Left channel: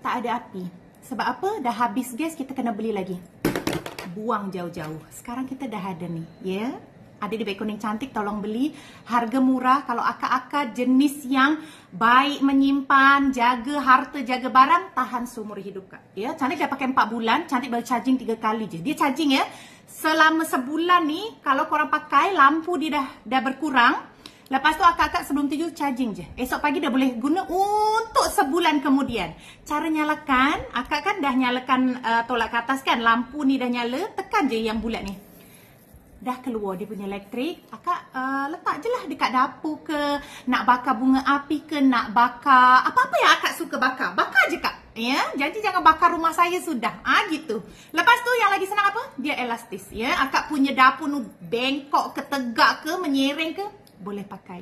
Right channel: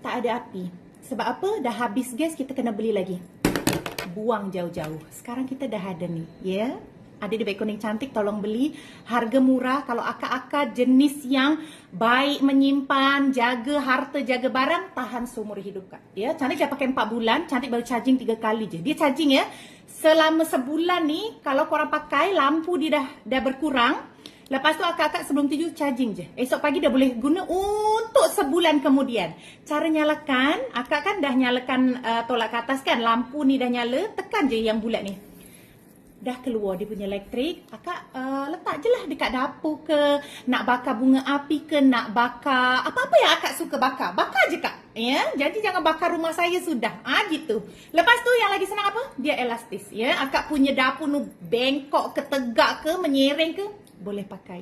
tak ada api. Sebab apa? Dah habis gas, kita kena beli lagi. Buang jauh-jauh. Sekarang kita dah ada ni, ya. Ada di Beg Kuning Cantik, tolong beli. Harga murah. Kalau akak-akak jenis yang baik menyimpan, jaga harta, jaga barang, tahan seumur hidup, Kak. Ya, Cantik saya pakai 4 bulan, Cantik baru charging 3 kali je. Dia charging ya. Selama sebulan ni, kalau korang pakai, lampu dia dah berkurang. Lepas tu akak-akak sebelum tidur charging je. Esok pagi dah boleh guna untuk sebulan kemudian. Cara nyalakan, akak kan dah nyalakan tolak ke atas kan. Lampu ni dah nyala, tekan je yang bulat ni. Dah keluar dia punya elektrik, akak letak je lah dekat dapur ke, nak bakar bunga api ke, nak bakar apa-apa yang akak suka bakar. Bakar je, Kak. Ya, jadi jangan bakar rumah saya sudah. Gitu. Lepas tu yang lagi senang apa? Dia elastis. Ya, akak punya dapur nu bengkok ke, tegak ke, menyereng ke, boleh pakai.